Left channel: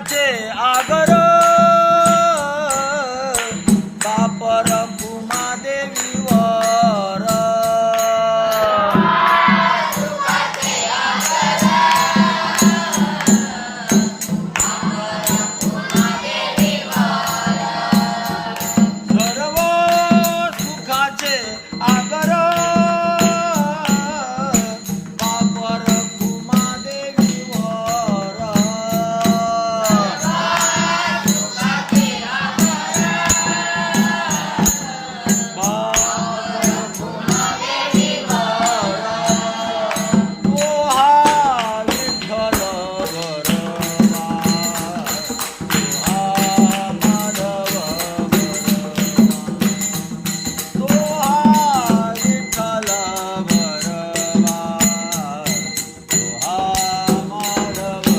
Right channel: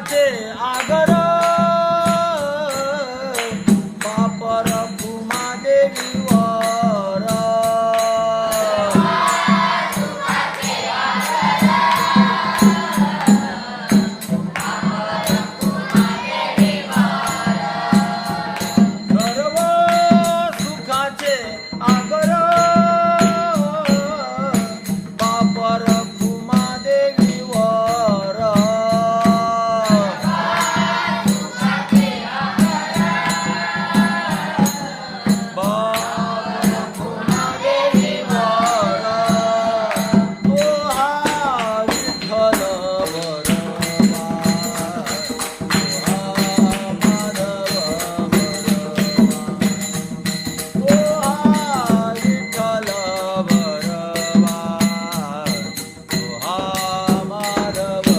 আছে আগর